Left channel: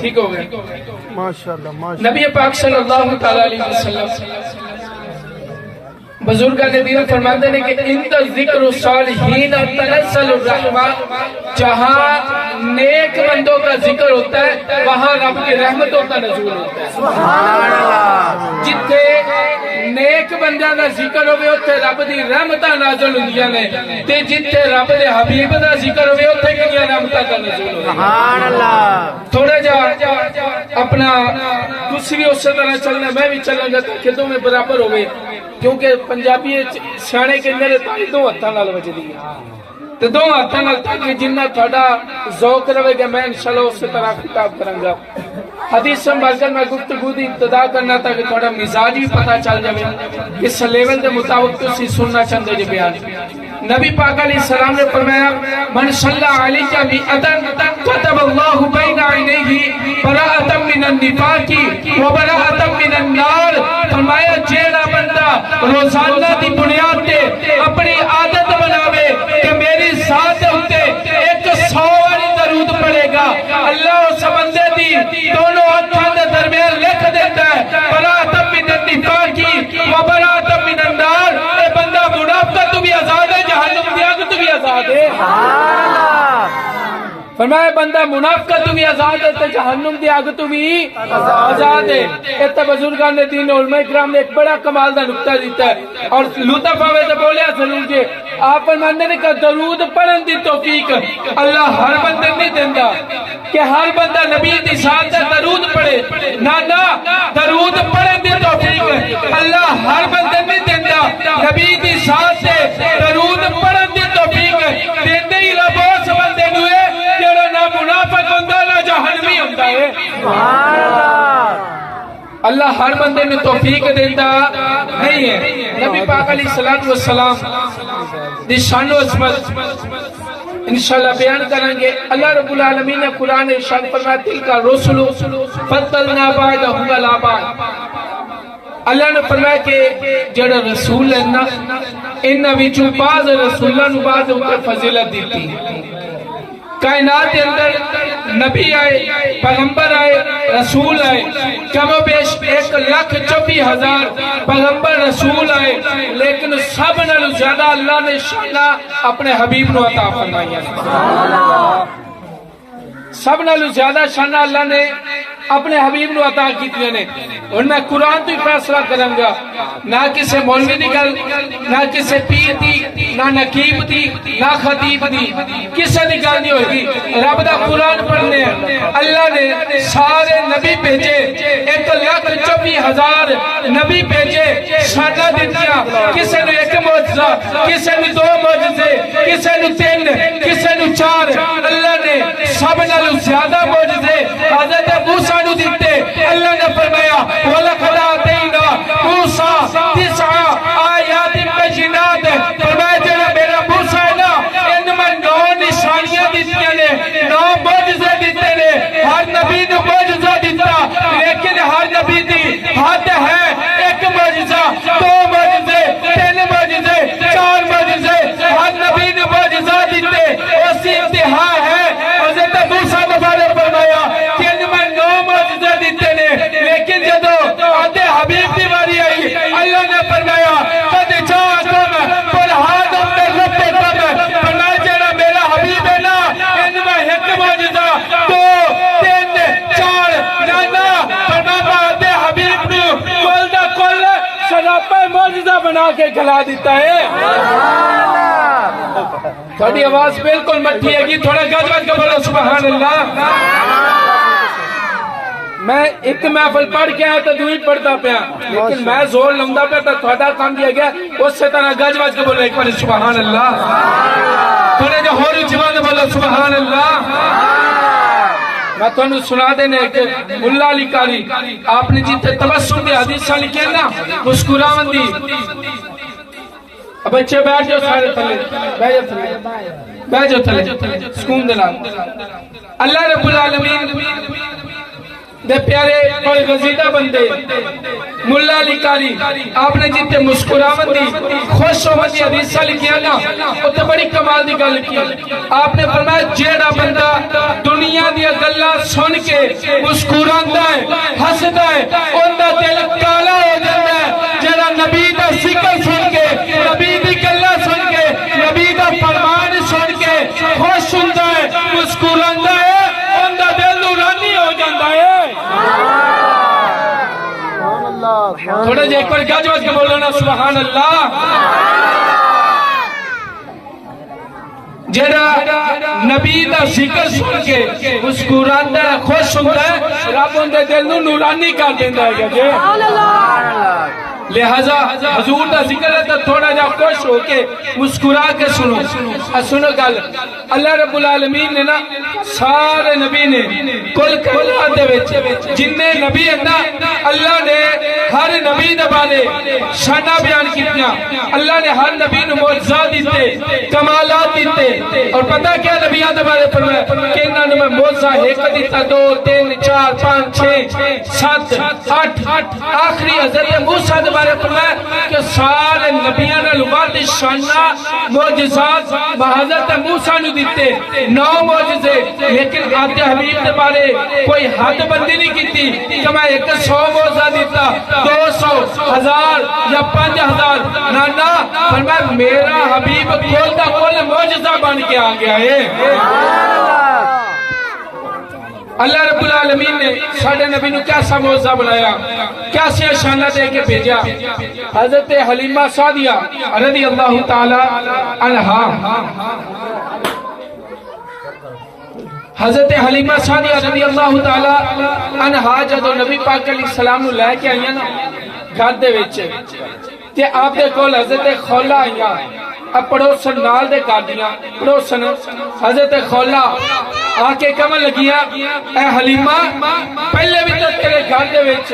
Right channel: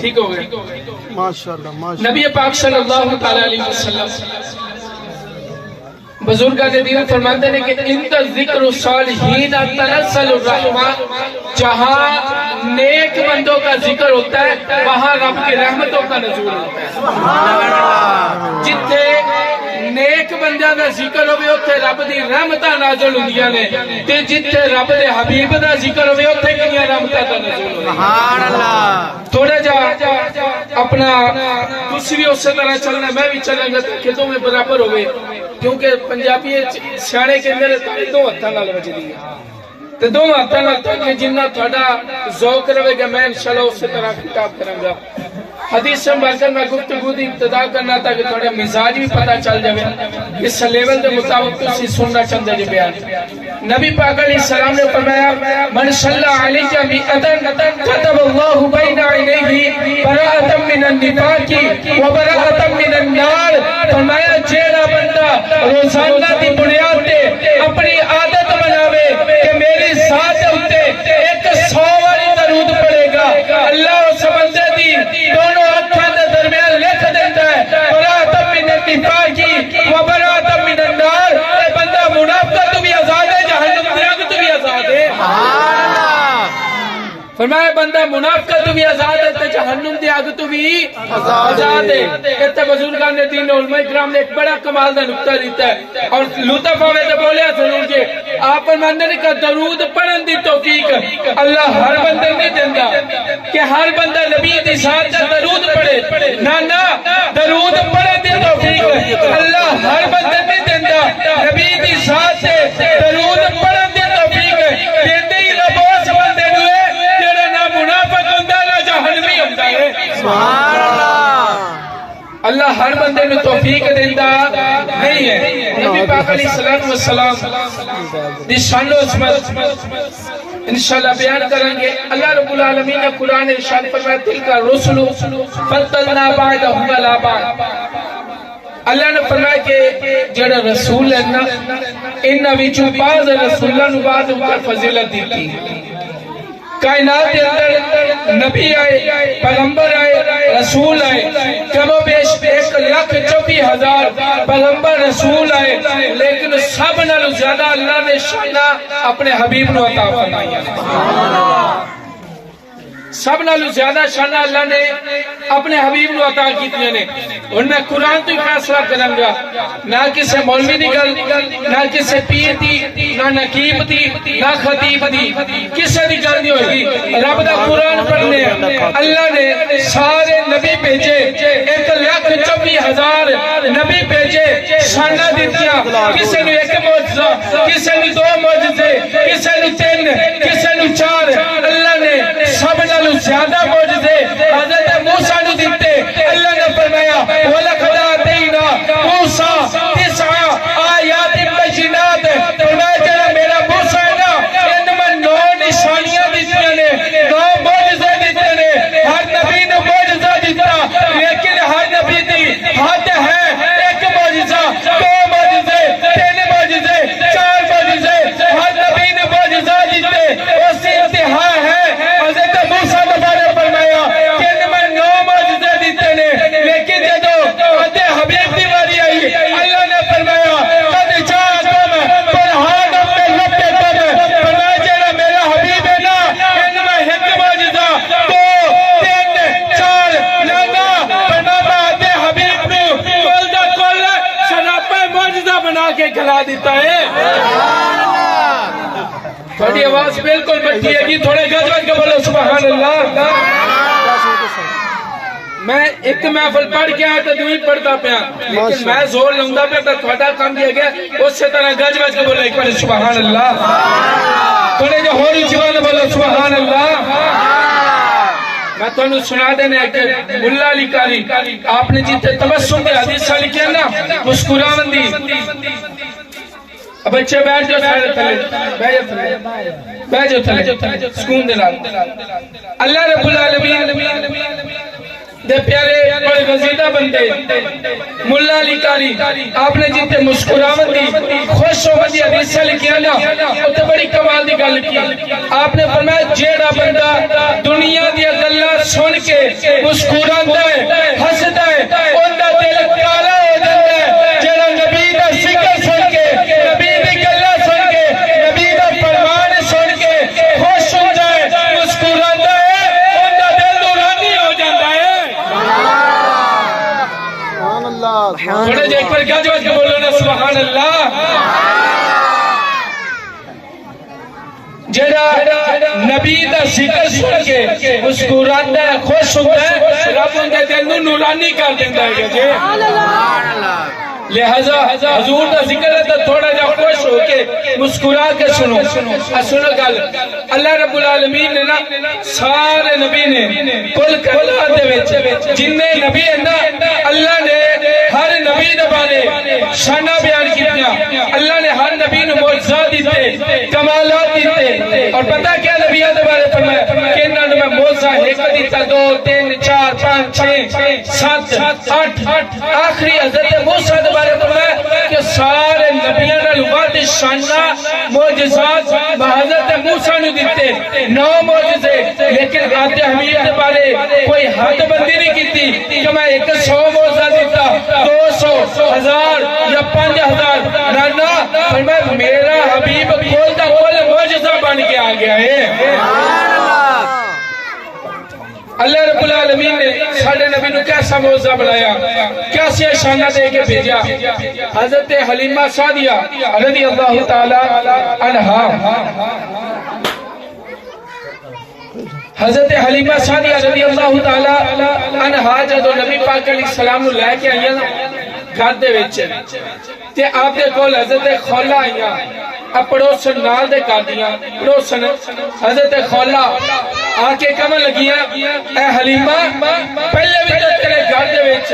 ٹھیک ہو گیا ماشاءاللہ نبی پاک صلی اللہ تعالی علیہ وسلم بزرگان دین فرماتے ہیں کہ اند ذکر الصالحین تنزل الرحمہ، جہاں نیک بندوں کا ذکر ہوتا ہے وہاں رب کی رحمتوں کا نزول ہوتا ہے. سبحان اللہ. جتھے نیک بندیاں دا ذکر ہوئے اتھے رب دی رحمتاں نازل ہوندیاں نے، تے جتھے رب دے حبیب دا ذکر ہوئے اتھے کیاں رحمتاں دا نزول ہوندیاں. سبحان اللہ. تھوڑا جا اپنا دوسری اسی طرح چلنا، میں بھی چلاں گا کہ تمہیں برابر ہوئے، کیونکہ پنجابی سیانے کے اندر تاری دو ہتھاں نال وجدی ہے تے دو ہتھاں نال تاکہ جنہ تھوڑا ذوق رہے گا میں انشاءاللہ اسی طرح خطاب کراں گا. حدیث سے بڑھ کر میں گفتگو دی ابتدا کرنا تھا کہ تھوڑا مزاج بھی پتہ چل جائے اس لیول دے مطابق تسی سننا چاہندے جی بیان. نبی پاک علیہ السلام نے فرمایا من صلی علیہ بیعتن کتب اللہ بین عینیہ براءۃ من النفاق و براءۃ من النار. فرمایا جیڑا بندہ روزانہ دی بنیاد تے اپنی عادت بناوے کہ میری ذات ہوتے ایک 100 والی درود پڑھے گا، اللہ اس بندے دی دونوں ہاتھاں دے درمیان لکھ دیتا ہے براءۃ من النفاق و براءۃ من النار. اے بندہ منافقت تو بھی آزاد ہے، جہنم دی آگ تو بھی آزاد ہے. سبحان اللہ. فرمایا بندہ منافقت تو بھی آزاد ہے تے جہنم دی آگ تو بھی آزاد ہے. اتنے بزرگان نے دین علماء کرام نے ایک بڑا کمال دا نقطہ دیتا ہے اور لطف آوے تے بولیا ضرور جی آپ فرماندے نے کہ درود پڑھن دی توفیق اللہ ہر بندے نہیں دیندا کہ ہر بندہ نبی دی ذات تے درود پڑھے. نہ درود پڑھن دی توفیق اللہ ہر بندے نہیں دیندا، نبی دی ذات تے درود پڑھن دی توفیق دیندے ہی رب اس بندے نوں جڑا نہ منافق ہوندا نہ جہنمی ہوندا ہے. سبحان اللہ. اللہ ہر بندے میں توفیق دیتا نہیں ہے. نبی پاک علیہ السلام دی شان و عظمت انشاءاللہ بیان کریں گے. اللہ رب العالمین نے قرآن ارشاد فرمایا تلک الرسل فضلنا بعضهم علی بعض. اللہ نے فرمایا کہ جڑا رسول ہے نا انہاں وچوں بعض رسولاں نوں بعض اوپر فضیلت دیتی. کائنات کے اندر نبی آئے، پیغمبر آئے، رسول آئے، کم و بیش 1,24,000 پیغمبر رسول آئے، لیکن سب نالوں زیادہ اللہ نے شانہ اپنے حبیب نو عطا فرمایا. سب نالوں زیادہ شانہ اللہ نے اپنے حبیب نو عطا کیتیاں نے. اور میں قرآن تو فیصلہ کروں گا، نہ کسی مولوی دی گل، نہ کسی پیر دی، نہ نقیب دی، نہ خطیب دی، کسی دی گل نہیں ہوگی. رب دا قرآن پڑھنے اللہ نے سارے نبی بھیجے، 1,24,000 نبی بھیجے، شانہ دیتیاں. کسی نو ایک معجزہ، کسی نو 2 معجزے، کسی نو 3، کسی نو 4. اللہ نے سب نالوں زیادہ معجزے حضرت موسیٰ نو دیتے. اللہ نے فرمایا وَلَقَدْ آتَيْنَا مُوسَىٰ 9 آیات بینات. فرمایا جڑا میرا موسیٰ ہے نا ان میں 9 نشانیاں دیتیاں نے، 9 معجزے دیتے نے. ہر نبی نو معجزہ دیتا، لیکن ہر نبی دی حد ہے. ایک معجزہ، 2 معجزے، 3 معجزے، 4 معجزے، ہر نبی نے معجزہ دیتے. اسی انتہا ہے. حضرت موسیٰ نے فرمایا 3 میں 9 معجزے دیتے نے، لیکن جدو آدھے حبیب دی باری آئی اللہ نے فرمایا قد جاءکم برہان من ربکم. فرمایا جڑا میرا حبیب ہے نا ان میں ایک معجزہ، 2، 3، 4 بنا آدھے حبیب نو کل دا کل شراپے معجزہ بنا کے کھلا دیتا ہے. تھوڑی آواز بالکل مٹھی ہے گی، تھوڑا گج گج کے بولو سبحان اللہ. میں ایک محفل پڑھ کے آیا تو دوئی پڑھتا پیا، لیکن میں زور لوندا پیا تو تھوڑا کام دیا گیا اس سے طرح گج گج کے بولو ایک بار سبحان اللہ. تھوڑے جو ہو رہی چیزوں نے بولو سبحان اللہ. میں تھوڑا سنا دینے کہ ملا علی کاری آپ نے جیتے تبسم دے حدیثہ لکھے نا مسکراون دی. اب بچے بیٹھ جو سارے تھلے، بیٹھ جو تھلے سکون دینا. اللہ رب العالمین دے پیارے بڑے غزیدہ بندے ملا علی قاری آپ نے جتے مسکراوت دی خوش ہوتی حدیث لکھیا نا وہ تو بڑی کمال دی گل کی آپ نے فرمایا جیڑا بندہ دنیا دی گلاں سن کے مسکراندا ہے ہسدا ہے اوندا دل کالا ہو جاندا ہے جیڑا نبی دا ذکر سن کے نبی دی گلاں سن کے نبی دا فرمان سن کے خوش ہوندا ہے مسکراندا ہے اوندا دل نورانی ہو جاندا ہے تھوڑے جے ایک بار گاج بج کے بولو نا سبحان اللہ جڑا نبی دا ذکر سن کے مسکراندا ہے خوش ہوندا ہے رب ان دے دل نوں نورانی کر دیندا ہے جی سبحان اللہ لہذا حضور دا ذکر ہے تو تھوڑا جا خوش ہو کے مسکرا کے سنو گل اللہ رب العالمین نے نا سارے نبی نے کل کائنات دے وچ جننے نبی ہیں نا اللہ نے ہر نبی دے بارے شاناں بیان کیتیاں اللہ نے ہر نبی نوں معجزات دتے کمالات دتے اور پتہ کیا نبیاں دے بارے فرمایا کہ انہاں نے معجزہ ایک دتا 2 3 4 5 6 7 8 آخری حضرت موسیٰ دے بارے فرمایا کہ سارے نبیاں نال ود شاناں معجزات حضرت موسیٰ نے دیتے 9 معجزے لیکن آج حبیب دے بارے کوئی حد بندی نہیں کیتی کہ میں 100 معجزہ دیتا 200 1000 یا 5000 نانا فرمایا میرا حبیب کھولتا کھول معجزہ بن کے آ گیا ہے اللہ رب العالمین نے سارے نبی نے کیسا معجزہ بنایا کیسے شانہ دے کے بھیجا حضرت حلیمہ سعدیہ رضی اللہ تعالی عنہا حضرت حلیمہ سعدیہ رضی اللہ تعالی عنہا جب نبی پاک علیہ السلام نو لے کے آئیاں نا گھر دے وچ تے آپ دے کول حضرت خولہ آئیاں اب پڑوسن نال دے کر دیاں پڑوسن حضرت خولہ آ کے کمن لگیاں اے حلیمہ پہلے بھی تو تیرے گھر دے وچ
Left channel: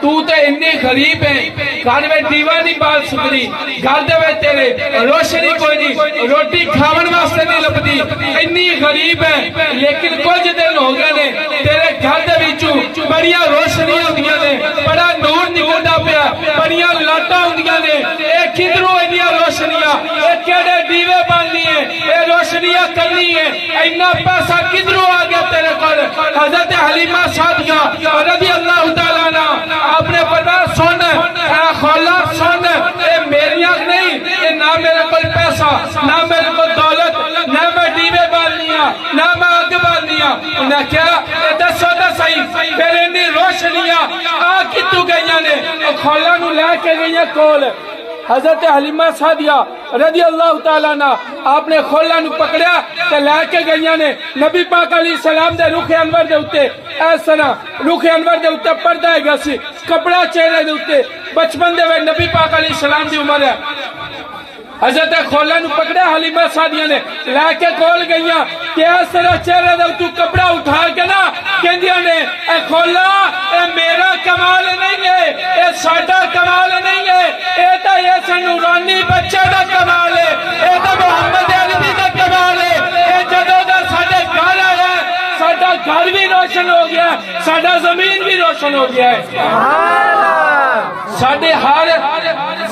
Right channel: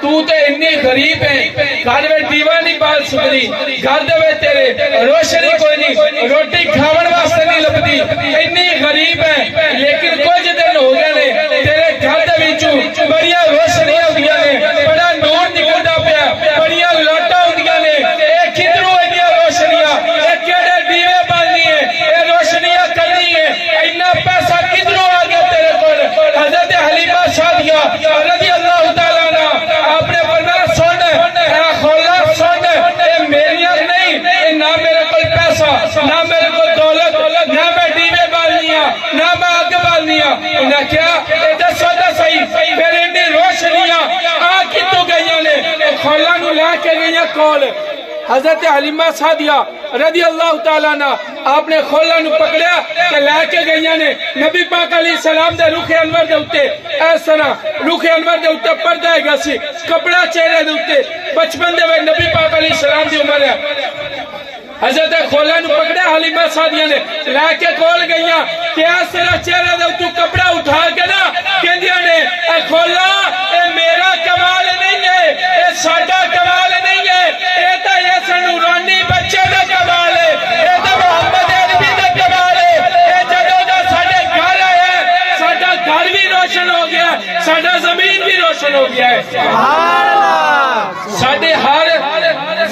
تو تے اتنی غریب ہے گھر میں دیوا نہیں بال سکری گھر دے وچ تیرے روشنی کوئی نہیں روٹی کھاون واسطے نہیں لبدی اتنی غریب ہے لیکن کچھ دن ہو گئے نے تیرے گھر دے وچوں بڑیاں روشنیاں ہوندیاں نے بڑا نور نکلدا پیا بڑیاں لاٹاں ہوندیاں نے اے کدھروں اتنی روشنیاں اے کیڑے دیوے بندی ہیں اے روشنیاں کدی ہیں اتنا پیسہ کدھروں آ گیا تیرے کول حضرت حلیمہ سعدیہ رضی اللہ تعالی عنہا آپ نے فرمایا سن اے خولہ سن اے میریاں نہیں اے نہ میرے کوئی پیسہ نہ میرے کو دولت نہ میں دیوے بالنیاں نہ میں آگ بالنیاں انہیں کیا ایتا سودا صحیح پھر انہی روشنیاں آگ کی تو گئیاں نے خولہ نو لے کے گئیاں کول حضرت حلیمہ سعدیہ رضی اللہ تعالیٰ عنہ آپ نے خولہ نو پکڑیا کہ لے کے گئیاں نے نبی پاک علیہ السلام دے رخ انور دے اتے ایس طرح رخ انور دے اتے پردہ ہے گا سی کپڑا چہرے دے اتے بچپن دے وے نبی پاک علیہ السلام دی عمر ہے حضرت خولہ نو پکڑیا حلیمہ سعدیہ نے لے کے کول گئیاں کہ ایس طرح چہرے دے اتے کپڑا اٹھا کے نا کہندیاں نے اے خولہ اے میرا کمال نہیں ہے اے ساڈا کمال نہیں ہے اے تا یہ نورانی بچے دا کمال ہے اے تا محمد عربی دا کمال ہے اے جدوں دا ساڈے گھر آیا ہے ساڈا گھر بھی روشن ہو گیا ہے ساڈا زمین بھی روشن ہو گیا ہے سبحان اللہ ساڈے ہر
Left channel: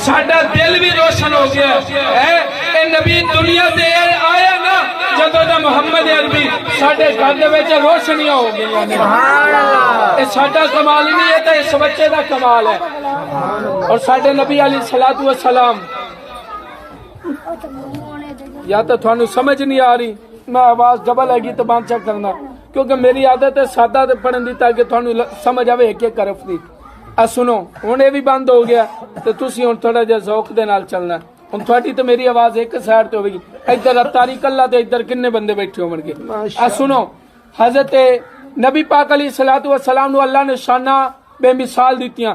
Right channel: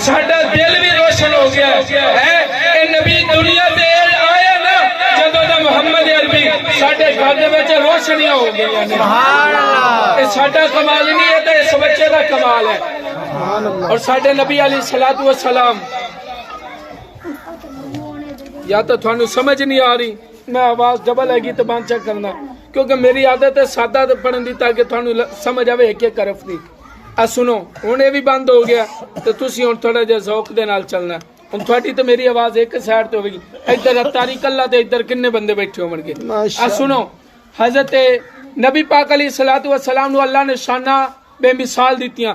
ساڈا دل بھی روشن ہو گیا ہے اے نبی دنیا تے آیا نا جدوں دا محمد عربی ساڈے گھر دے وچ روشنیاں ہو گئیاں نے سبحان اللہ اے ساڈا کمال نہیں ہے تے اس بچے دا کمال ہے اور ساڈے نبی علیہ الصلوۃ والسلام یا تو تھانوں سمجھ نہیں آ رہی میں آواز ڈبل ہے گی تو بند چا کرنا کیونکہ میری عادت ہے سادہ پڑھن دی تاکہ تھانوں سمجھ آوے ایک حرف دی سنو ہن اے بھی بند ہو گیا تے تسی ہن تھوڑا جہا ذوق دے نال چلنا ہن تھوڑی تے میری آواز ایک سائیڈ تے ہوے گی ادھر اتاری کلا تے ادھر کنے بندے بیٹھے ہون گے سنو حضرت نبی پاک علیہ الصلوۃ والسلام نو اللہ نے شانہ بے مثال دیتیاں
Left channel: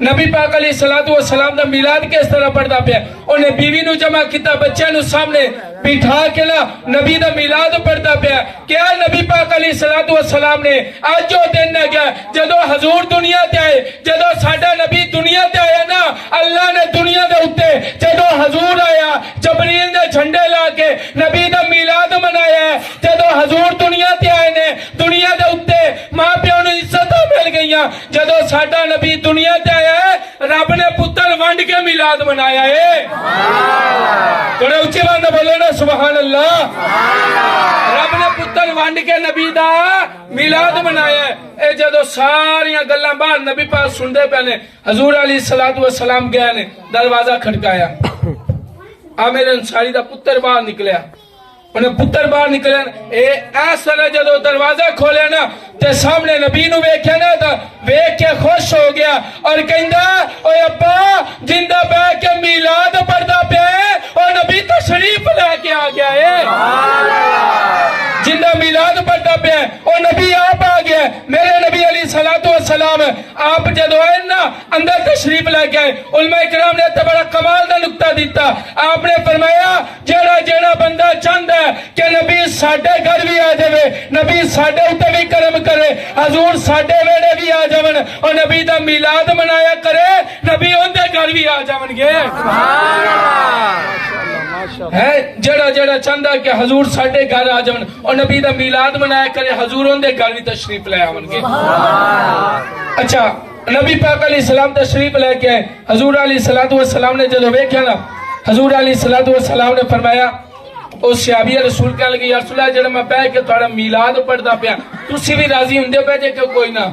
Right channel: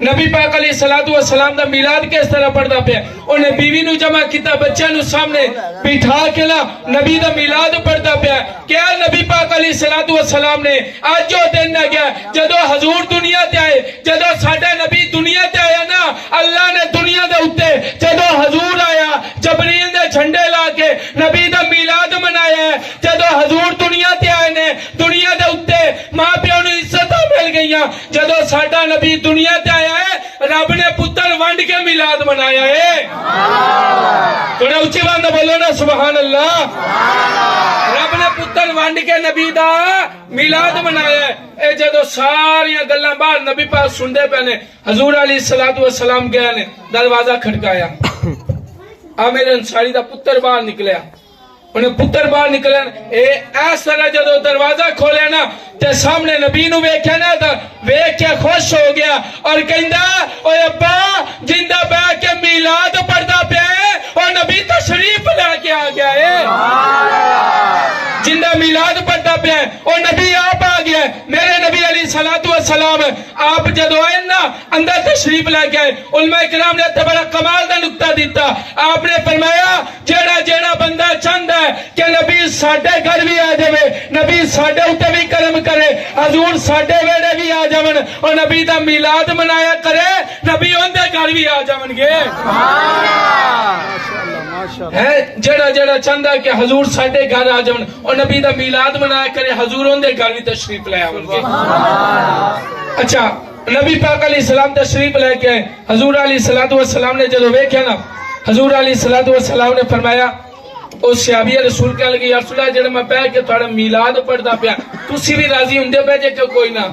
نبی پاک علیہ الصلوۃ والسلام دا میلاد کس طرح پڑھدا پیا انہیں بیوی نو جمع کیتا بچیاں نو سامنے بٹھا کے نا نبی دا میلاد پڑھدا پیا کیا نبی پاک علیہ الصلوۃ والسلام نے اج جو دن آ گیا جدو حضور دنیا تے آئے جدو ساڈا نبی دنیا تے آیا نا اللہ نے دنیا دے اوتے جدو حضور آیا جبریل نے جھنڈے لا کے نبی دا میلاد منایا ہے جدو حضور دنیا تے آئے نے دنیا دے اوتے ماں پیو نو عزتاں مل گئیاں جدو ساڈا نبی دنیا تے آیا ہے رب نے پتر ونڈ کے میلاد منایا ہے تھوڑا اچھی بات بولو نا سبحان اللہ رب نے پتر ونڈ کے نبی دا میلاد منایا ہے اے جدو ساریاں گلاں باہر نبی پاک سندے پے نے حضور علیہ الصلوۃ والسلام گیا نے دروازہ کھٹکایا عامر انصاری دا پتر باہر نکلیا انہیں پتر باہر نکلے ایس طرح جدو دروازہ کھولے نا تے سامنے نبی نو ویکھے نا تا ویکھ کے خوش ہو گیا اور کہندا اوے ابا جندہ بہ کے میلاد پڑھدا پیا اور نبی تشریف لے کے آ گیا ہے جندہ میلاد پڑھدا پیا اور نبی آپ آ گیا میرے نبی علیہ الصلوۃ والسلام آپ جدو آئے نا اندر تشریف لے کے آئے علماء کرام نے تے بڑا کمال دا نقطہ دیتا آپ نے فرمایا جیڑا جیڑا بندہ چاہندا ہے کہ نبی ساڈے گھر بھی آ جائے نبی ساڈے اوتے بھی کرم کرے حضور ساڈے ویڑے بھی آ جاون اور نبی دا میلاد منایا کرے نبی ان دے گھر بھی آ جاون گے سبحان اللہ ہے جڑا جڑا چاہندا ہے کہ حضور ساڈے گھر آ جاون اور نبی دا میلاد منایا کرے حضور ان دے گھر بھی تشریف لے آون گے اچھا نبی پاک علیہ السلام تشریف لے کے حضور علیہ الصلوۃ والسلام نے جدو ویکھیا نا حضور علیہ الصلوۃ والسلام نے فرمایا اس صحابی رسول کہنے لگے یا رسول اللہ جڑا میں بیٹھ کے تھوڑا میلاد پڑھدا پیا تسی بھی راضی ہوندے پے جے کہ کوئی نہ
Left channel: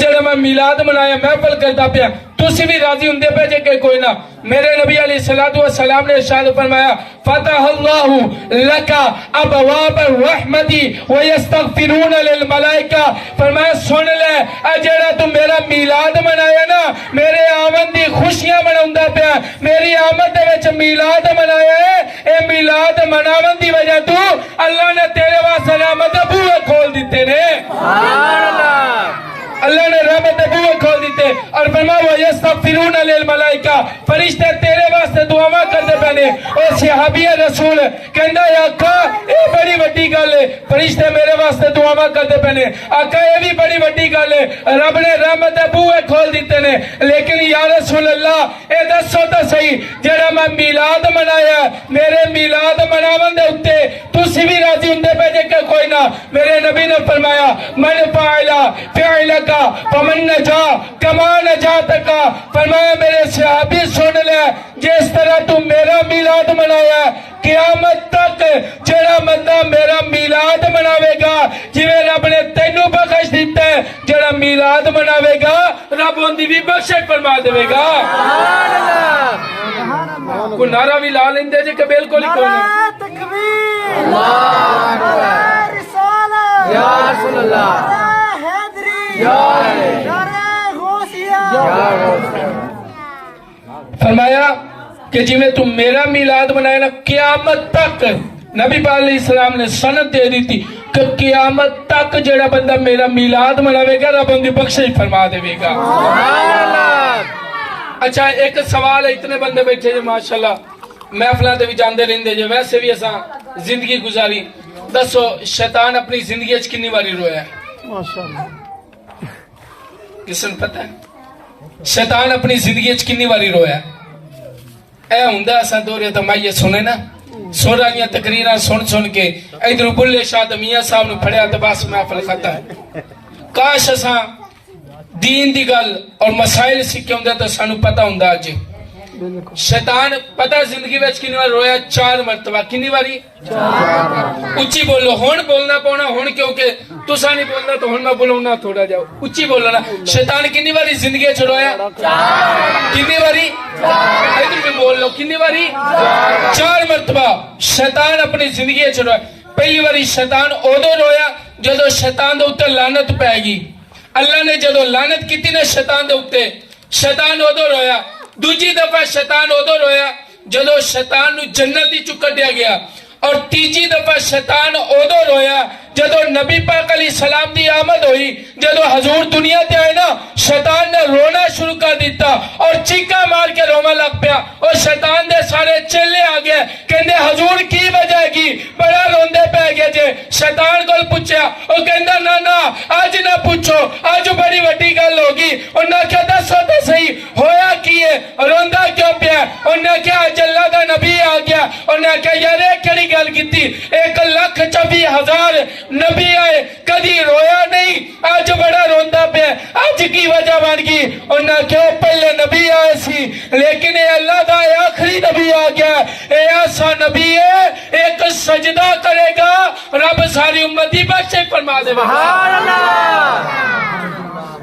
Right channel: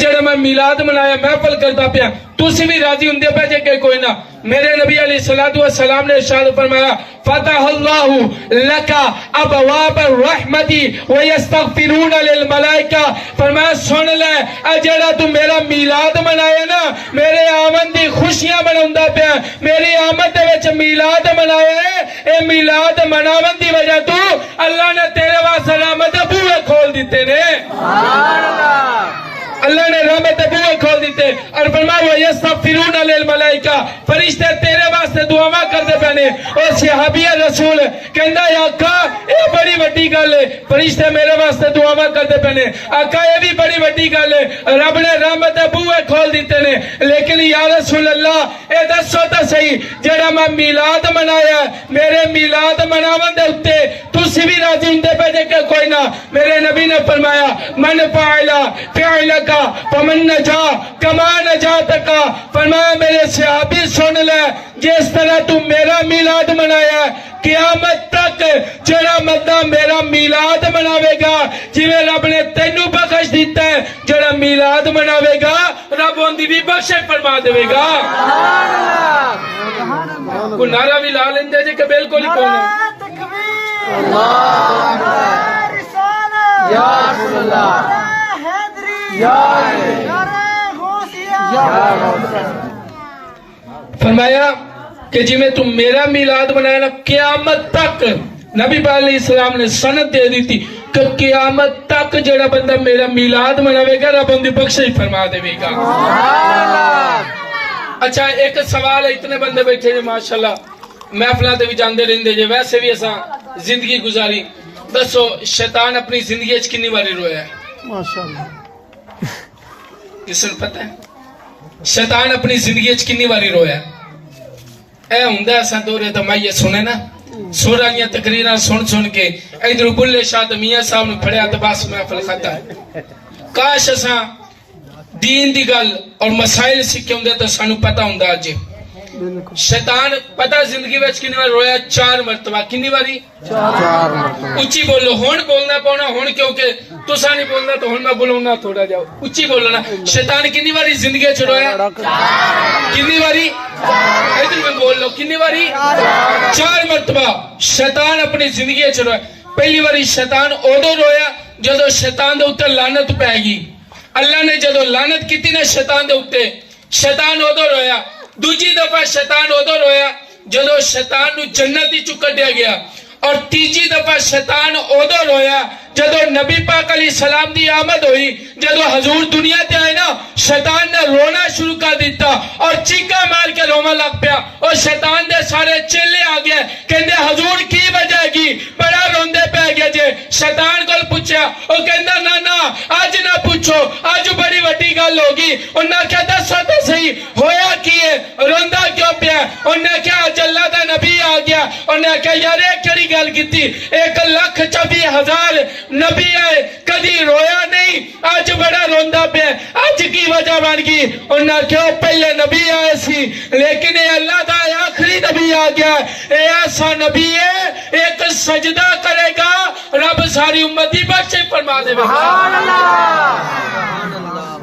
جڑا میں میلاد منایا محفل کردا پیا تسی بھی راضی ہوندے پے جے کہ کوئی نہ میرے نبی علیہ الصلوۃ والسلام نے ارشاد فرمایا فتح اللہ لک ابواب الرحمت ویستغفرون للملائکہ فرمایا سن لے جڑا تو میرا میلاد منایا نا میرے آمد دی خوشیاں مناوندا پیا میری آمد دے وچ میلاد منایا ہے اے میلاد مناون دی وجہ تو اللہ نے تیرے واسطے رحمت دے بوئے کھول دیتے نے سبحان اللہ اللہ نے رحمت دے بوئے کھول دیتے اور فرمایا یستغفرون للملائکہ فرشتے تیرے واسطے دعاواں کردے پے نے او صحابی رسول کہندا ہے آقا اے بڑی وڈی گل ہے فرشتے میرے واسطے دعاواں کردے پے نے آقا اے بھی بڑی وڈی گل ہے رب نے رحمت دے بوئے کھول دیتے نے لیکن یا رسول اللہ اے دسو تے صحیح جڑا میں میلاد منایا میرے میلاد مناون دے اوتے تسی بھی راضی ہوندے پے جے کہ کوئی نہ میرے نبی نے فرمایا من فعل فعلک فمن نجا کما نجاتک فرمایا میرے صحابی سن لے جس طرح تو میرا میلاد منایا قیامت تک جڑا بندہ میرا میلاد مناوے گا جویں رب نے تینوں بخش دیتا ہے جڑا میلاد مناوے گا رب ان دی بھی بخشش فرما دے گا سبحان اللہ کو نعرہ بھی لا لیندے جے کہ بالکل ہی کوئی نہیں اللہ یا رسول اللہ فرمایا کہ جی میں تم میرا میلاد منایا نا قیامت تک نبی پاک علیہ السلام نے سند دے دی تھی کہ قیامت تک جڑا بندہ میرا میلاد مناوے گا رب ان دی بخشش فرما دے گا اچھا ایک سوال ہے اتنے بندے بیٹھے جے ماشاءاللہ محفلاں تے بھی جاندے رہندے جے ویسے بھی اساں زندگی گزاری دسو شیطان اپنی زندگی وچ کتنی باری رویا ہے ماشاءاللہ کس نے پتہ ہے شیطان اپنی زندگی وچ کتنی باری رویا اے ہوندا اساں دورے دمائیے سنے نا سوراں تقریراں سن کے ادھر بلے شاہ میاں صاحب نے پھڑیا تے بس محفل ختم کاش اساں دین دی گل اور مسائل سکھے ہوندے تے سانو پتہ ہوندا اج شیطان پتہ زندگی وچ کتنی بار رویا 4 مرتبہ کتنی باری 4 مرتبہ اچھی بولو ہن بولنا پونا ہن کیونکہ تساں نہیں بولنا تو ہن میں بولنا تھوڑا جاؤ اچھی بولنا شیطان کتنی باری زندگی وچ رویا کتنی باری ادھر بھی بول لو کتنی باری 4 مرتبہ شیطان اپنی زندگی وچ رویا پہلی باری شیطان اودوں رویا جدوں شیطان دے اوتے لعنت پے گئی اللہ نے جدوں لعنت کیتی نا شیطان دے اوتے شیطان اودوں رویا دوجی دفعہ شیطان اودوں رویا جدو شیطان نو جنت ہی چ کڈیا گیا اور تیجی دفعہ شیطان ادھر ہویا جدو نبی پاک علیہ السلام دی آمد ہوئی جدو حضور دنیا تے آئے نا شیطان نے رونا شروع کر دیتا اور چیکا مار کے روما لگ پیا اور شیطان دے سارے چیلے آ گئے کہندے حضور کی وجہ کی بڑا روندے پہ گئے جے شیطان کو پوچھا وہ کہندا نا آج نہ پوچھو آج بڑی وڈی گل ہوگی انہاں کہا دسو تو صحیح ہویا کی ہے روندا کیوں پیا انہاں کہا اج اللہ دا نبی آ گیا انہاں کہا یار یہ کیڑی گل کیتی 1,24,000 نبی آئے کدی رویا نہیں آج بڑا روندا پہ آج کی وجہ بن گئی انہاں کیوں پہلے نبی آئے سی لیکن اے اللہ دا آخری نبی آ گیا اے ایسا نبی ہے ایک سجدہ کرے گا رب ساری امتی بخشش فرما دے گا سبحان اللہ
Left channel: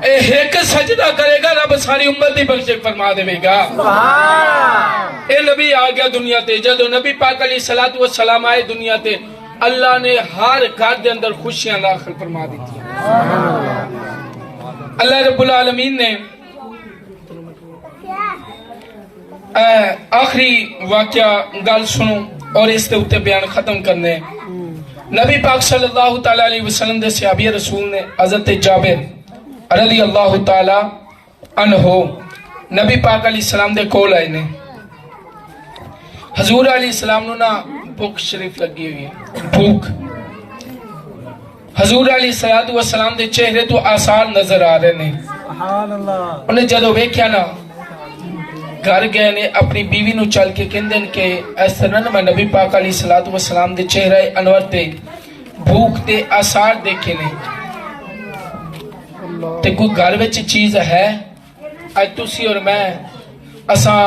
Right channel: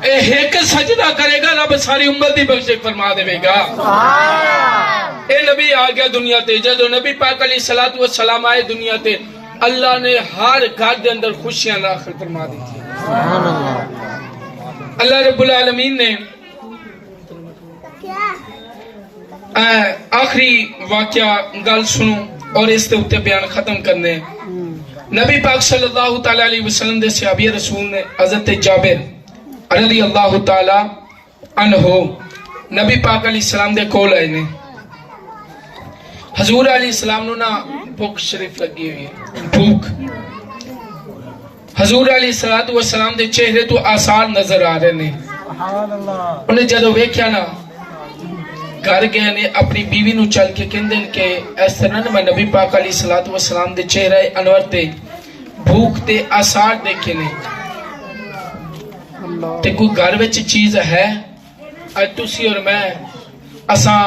ایک سجدہ کرے گا رب ساری امتی بخشش فرما دے گا سبحان اللہ اے نبی آ گیا دنیا تے جدو نبی پاک علیہ الصلوۃ والسلام آئے دنیا تے اللہ نے ہر گھر دے اندر خوشیاں داخل فرما دی تھی سبحان اللہ اللہ رب العالمین نے آخری واقعہ گل سنو اور اس تے اوتے بیان ختم کرنے نبی پاک صلی اللہ تعالی علیہ وسلم دے صحابی رسول نے حضرت جابر رضی اللہ تعالی عنہ نبی پاک علیہ السلام دے کول آئے نے حضور علیہ السلام نو نا بھوک شریف لگی ہوئی ہے بھوک حضور علیہ السلام دے چہرے تو آثار نظر آ رہے نے انہیں جدو ویکھیا نا گھر گئے نے اپنی بیوی نو چل کے کہندے کہ اس طرح میں نبی پاک علیہ السلام دے چہرے انور تے بھوک تے آثار دیکھے نے تے کوئی گھر وچ چیز ہے اج تسی اور میں اساں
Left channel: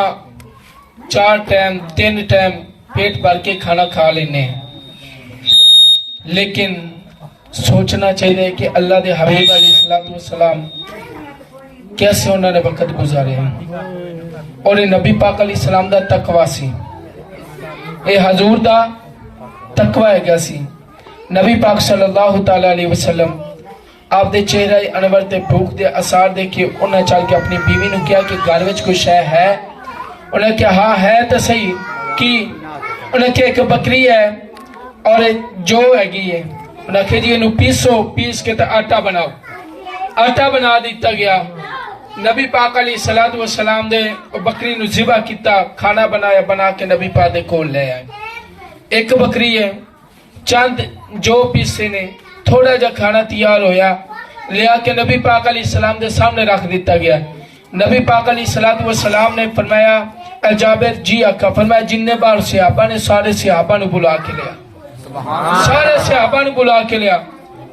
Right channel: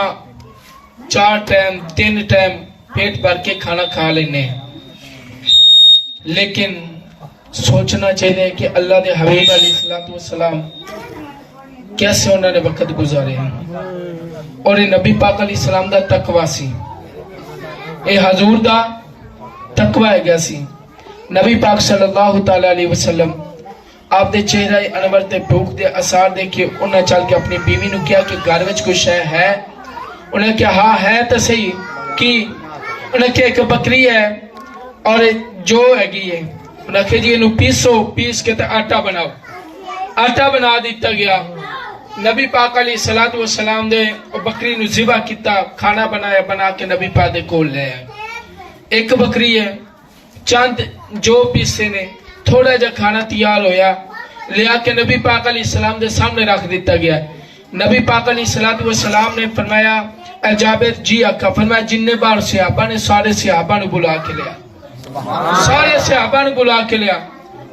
4 ٹائم 3 ٹائم پیٹ بھر کے کھانا کھا لینے لیکن سوچنا چاہیے کہ اللہ دے حبیب علیہ السلام کیسے انہوں نے وقت گزارے ہیں اور یہ نبی پاک علیہ السلام دا تقوی سی اے حضور دا تقوی ہے گیا سی نبی پاک صلی اللہ تعالی علیہ وسلم آپ دے چہرہ انور تے بھوک دے اثار دیکھے انہیں چل کے اپنی بیوی نو کیا کہ گھر وچ کوئی شے ہے انہیں کہا ہاں ہے تو صحیح کی انہیں کہا ایک بکری ہے اور جو ہے گی ہے انہیں کہا جی انہوں پیس کے آٹا بناؤ آٹا بنا دیتا گیا نبی پاک علیہ السلام دے بکری نو ذبح کیتا کھانا بنایا بنا کے نبی پاک دے کول لے آئے ایک بکری ہے چند جو پیسے نے تھوڑا جا کھانا تیار ہویا لیا کے نبی پاک علیہ السلام دے سامنے رکھ دیتا گیا نبی پاک علیہ السلام نے فرمایا اے جابر جی آقا فرمایا جننے بار صحابہ نے سارے صحابہ نے بلا کے لیا سارے صحابہ نے بلا کے لیا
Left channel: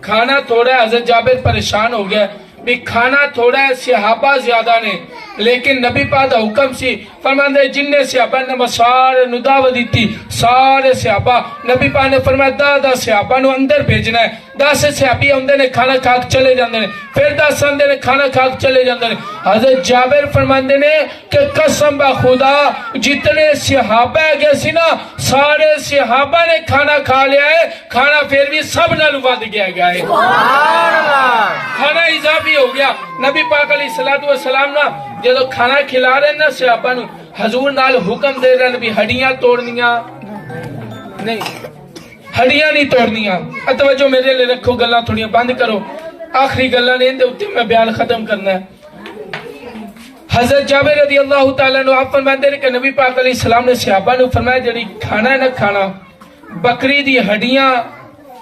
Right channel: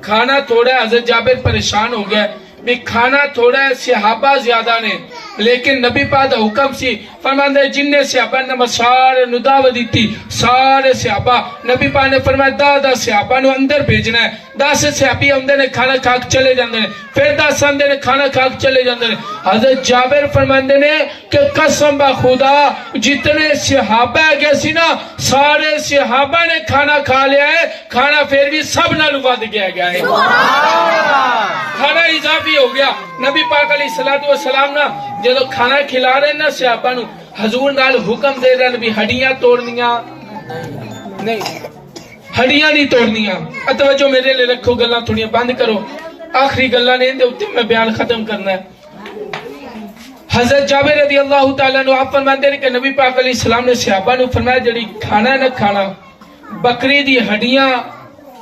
کھانا تھوڑا ہے حضرت جابر پریشان ہو گیا بھی کھانا تھوڑا ہے صحابہ زیادہ نے لیکن نبی پاک دا حکم سی فرماندے جننے صحابہ نے سارے نو دعوت دیتی سارے صحابہ نبی پاک نے فرمایا دا صحابہ نو اندر بھیجنا ہے 10 صحابی اندر نے کھانا کھا کے چلے جاندے نے پھر 10 اندر نے کھانا کھا کے چلے جاندے نے حضرت جابر فرماندے نے کہ قسم با خدا جتنے صحابہ گئے سی نا سارے صحابہ نے کھانا کھا لیا ہے کھانا پھر بھی سب نال ود گیا ہے کھانا اضافی ہو گیا نبی پاک علیہ السلام نا جدو کھانا کھلا رہے نا صحابہ نو حضور نال حکم دے رہے نبی ہڈیاں توڑنیاں نہیں ہڈیاں نہیں توڑنیاں توجہ میرے لئے رکھو گلاں تھوڑیاں بند کرو آخری گلاں نہیں دے اتے میں بیان ختم کرنا ہے حضرت جابر رضی اللہ تعالیٰ عنہ آپ فرمائے کہ نبی پاک علیہ السلام نے صحابہ نو فرمایا جڑی کھانا ہے نا کھانا بکری دی ہڈیاں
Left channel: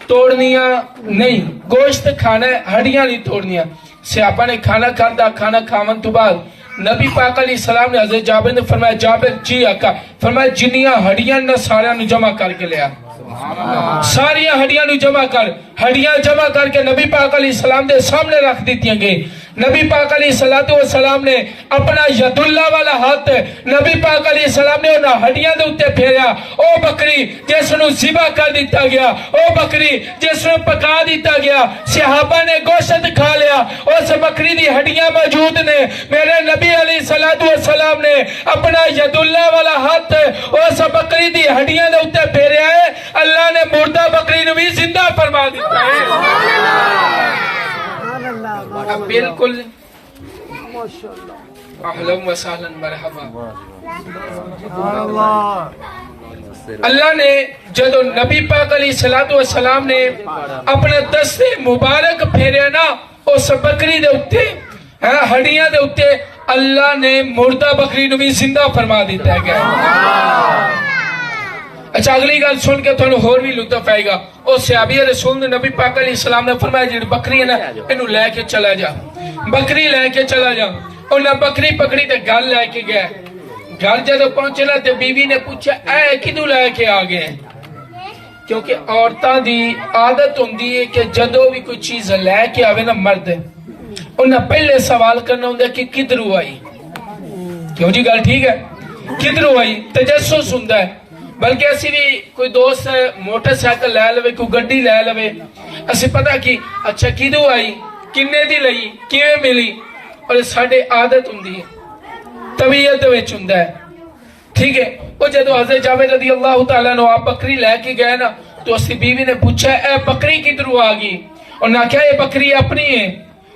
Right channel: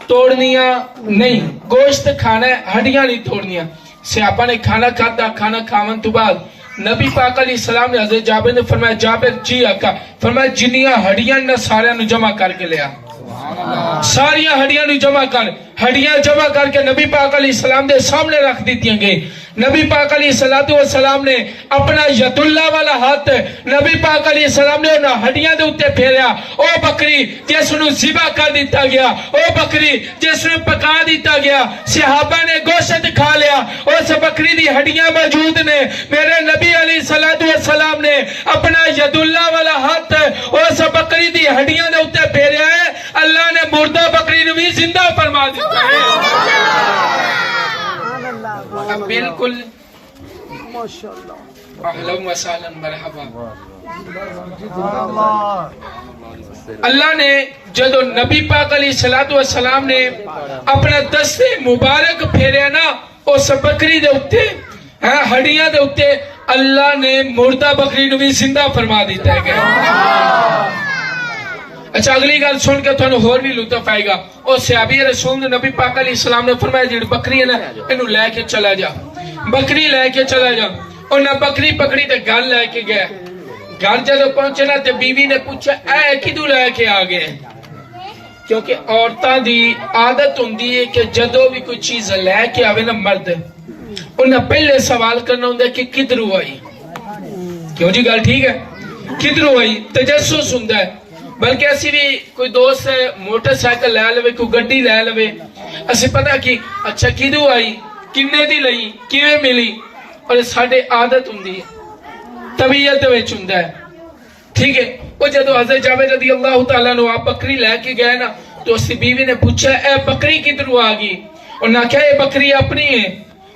توڑنیاں نہیں گوشت کھانا ہے ہڈیاں نہیں توڑنیاں صحابہ نے کھانا کھاتا کھانا کھاون تو بعد نبی پاک علیہ السلام نے حضرت جابر نے فرمایا جابر جی آقا فرمایا جنیاں ہڈیاں نہ سارے نو جمع کر کے لیا ساریاں ہڈیاں نو جمع کر کے نبی پاک علیہ السلام دے سامنے رکھ دیتیاں گئی نبی پاک علیہ السلام نے اپنا ید اللہ والا ہاتھ نبی پاک علیہ السلام نے انہاں ہڈیاں دے اتے پھیریا او بکری جس نو ذبح کر دیتا گیا او بکری جس نو پکا دیتا گیا صحابہ نے گوشت کھا لیا اس بکری دی ہڈیاں موجود نے میرے نبی علیہ السلام نے اپنا ید اللہ والا ہاتھ اس بکری دی ہڈیاں دے اتے پھیریا ہے اللہ نے مردہ بکری نو بھی زندہ فرما دیتا ہے اب بالکل اہلا و سہلا مرحبا اللہ نے جدو نبی پاک علیہ الصلوۃ والسلام نے اپنا دستے مبارک پھیریا نا اس بکری دے اوتے ہڈیاں دے اوتے اللہ نے مردہ بکری نو بھی زندہ فرما دیتا ہے گیا. اچھا اگلی گل سن کے تھانوں ہور بھی لطف آئے گا. او صحابی رسول نے نبی پاک علیہ السلام نے فرمایا جڑی بکری ہے نا اینو لے کے چلا جا, بکری لے کے چلا جا. انہاں بکری پکڑی تے گھر لے کے گیا. گھر جدو پہنچے نا تے بیوی نے پوچھا اے کدو لے کے آ گئے, کیونکہ عورتاں دی عادت ہوندی ہے کہ جدو بھی کوئی چیز لے کے آوے نا مرد انہاں پہلے سوال کرنا ہوندا کہ کدھروں آئی. کیوں جی گل ٹھیک ہے, کدھروں آئی تجسس ہوندا ہے. بلکہ اسی بھی کوئی دوست موٹر سائیکل لے لوے کوئی گڈی لے لوے اسی پتہ کی اچھا کدھروں آئی کنے دی لئی کیویں ملی, اور ساڈے عادت ہوندی ہے طبیعت وچ ہوندا ہے. ٹھیک ہے, وہ جدو حضرت جابر رضی اللہ تعالیٰ عنہ آپ بکری لے کے گئے نا تو اسی بیوی نے پوچھا اے بکری کدھروں آ گئی, انہاں کہا یہ بکری اپنی ہے.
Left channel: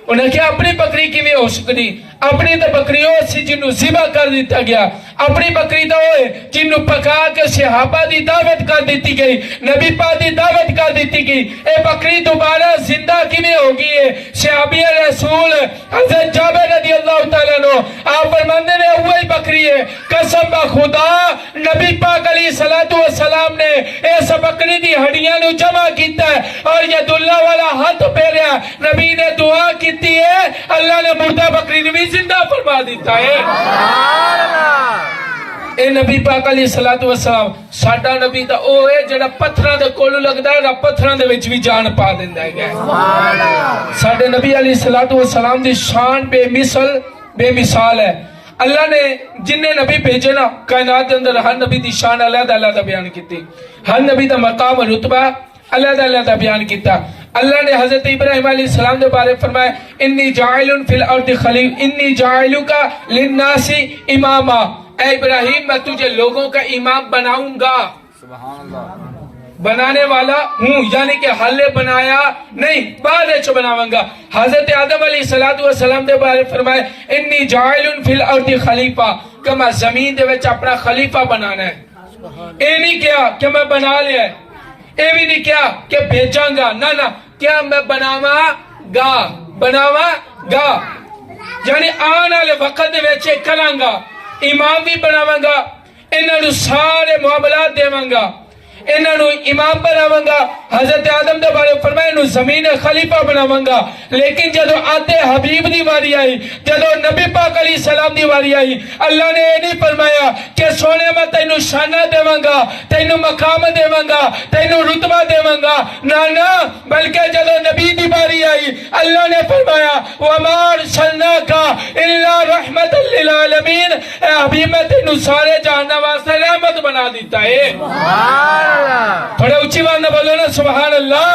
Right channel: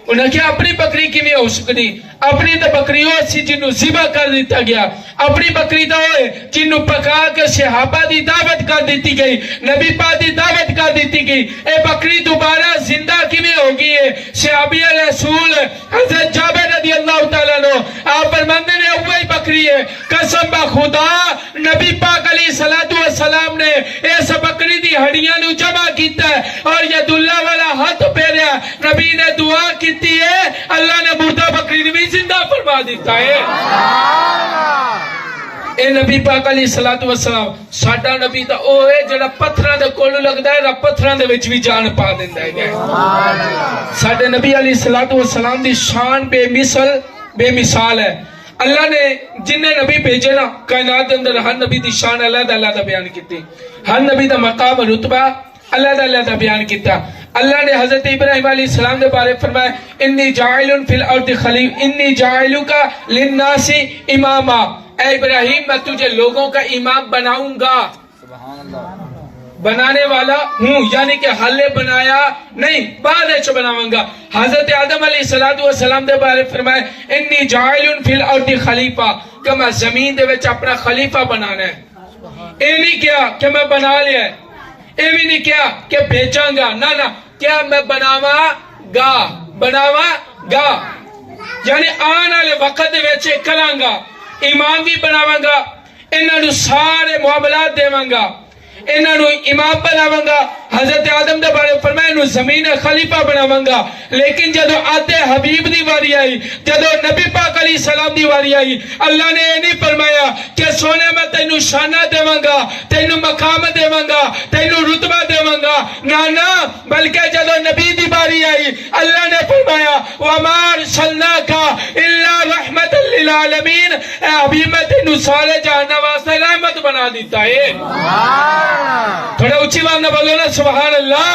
انہاں کہا اپنی بکری کیویں ہو سکتی, اپنی تو بکری ہو سی جنوں ذبح کر دیتا گیا, اپنی بکری تو ہوئے جنوں پکا کے صحابہ دی دعوت کر دیتی گئی, نبی پاک دی دعوت کر دیتی گئی. اے بکری دوبارہ زندہ کیویں ہو گئی ہے؟ صحابی رسول حضرت جابر رضی اللہ تعالیٰ عنہ آپ فرماندے نے وہی بکری ہے, قسم بخدا نبی پاک علیہ الصلوۃ والسلام نے اس بکری دی ہڈیاں نو جمع کیتا ہے اور ید اللہ والا ہاتھ پھیریا, نبی نے دعا کیتی ہے اللہ نے مردہ بکری بھی زندہ فرما دیتا ہے. اے نبی پاک علیہ الصلوۃ والسلام ساڈا نبی تا او ہے جڑا پتھراں دے کول لگدا ہے پتھراں دے وچ بھی جان پا دیندا ہے. ساڈے نبی علیہ الصلوۃ والسلام دی شان بے مثال ہے. اللہ نے جن نبی بھیجے نا کائنات کے اندر ہر نبی دی شان علیحدہ بیان کیتی, ہر نبی دا مقام رتبہ علیحدہ بیان کیتا. اللہ نے حضرت ابراہیم علیہ السلام کے بارے فرمایا انی جاعل فی الارض خلیفہ انی جاعلک للناس اماما, اے ابراہیم میں تجھے لوگوں کا امام بناؤں گا. بنانے والا ہوں یعنی کہ حل بنایا نہیں بعد چ بناواں گا. حضرت آدم علیہ السلام دے بارے فرمایا انی جاعل فی الارض خلیفہ کہ میں زمین دے وچ اپنا خلیفہ بنانا ہے. اے نہیں کیا کہ میں بنا لیا ہے, اے بھی نہیں کیا کہ بھیجاں گا, نہ کیا میں بناواں گا یعنی آنے والے وقت دے وچ کراں گا, امام بھی بناواں گا, انہاں نو سارے معاملات دیواں گا, انہاں نو امام بناواں گا. حضرت آدم دے بارے فرمایا انہوں زمین خلیفہ بناواں گا. لیکن جدو آتے حبیب دی واری آئی, جدو نبی پاک علیہ السلام دی واری آئی, اللہ نے یہ نہیں فرمایا کہ سونے میں تینوں شانہ دیواں گا, تینوں مقام دیواں گا, تینوں رتبہ دیواں گا, نہ بلکہ جدو نبی دی واری آئی اللہ نے فرمایا وما ارسلناک الا رحمت للعالمین, اے حبیب میں تینوں سارے جہان واسطے رحمت بنا دیتا ہے. تھوڑے اچھی بات نہ بولو نا سبحان اللہ.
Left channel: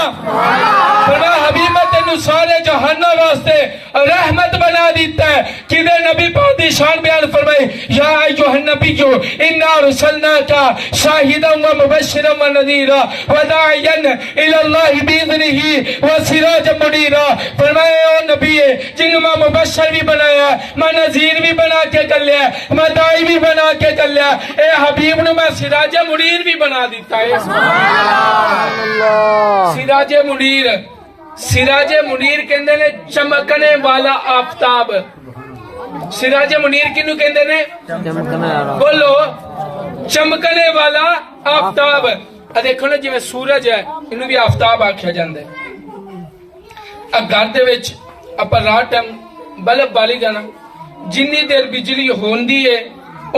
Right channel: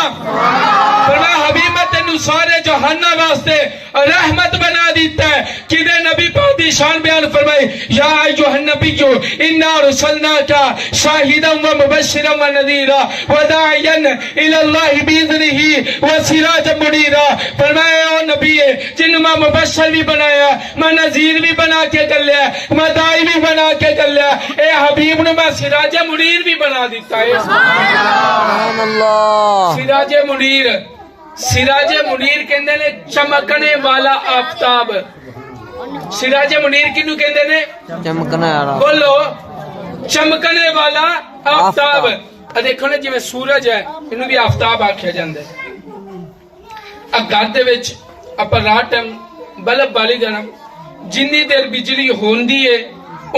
فرمایا حبیب میں تینوں سارے جہانہ واسطے رحمت بنا دیتا ہے. کدھر نبی پاک دی شان بیان فرمائی یا ایھا النبی انا ارسلناک شاہدا ومبشرا ونذیرا وداعیا الی اللہ باذنہ وسراجا منیرا. فرمایا او نبی ہے جن میں مبشر بھی بنایا, میں نذیر بھی بنا کے کر لیا, میں داعی بھی بنا کے کر لیا, اے حبیب نے میں سراج منیر بھی بنا دیتا ہے. سبحان اللہ. سراج منیر کہندے نے چمکنے والا آفتاب. سراج منیر کنو کہندے نے چمکنے والا, بولو چمکنے والا آفتاب. دیکھو نا جویں سورج ہے انہوں بھی آفتاب آکھیا جاندا ہے. اب گھر دے وچ اپا رات ٹائم بلب بالی گا نا, جنی دیر بجلی ہوندی ہے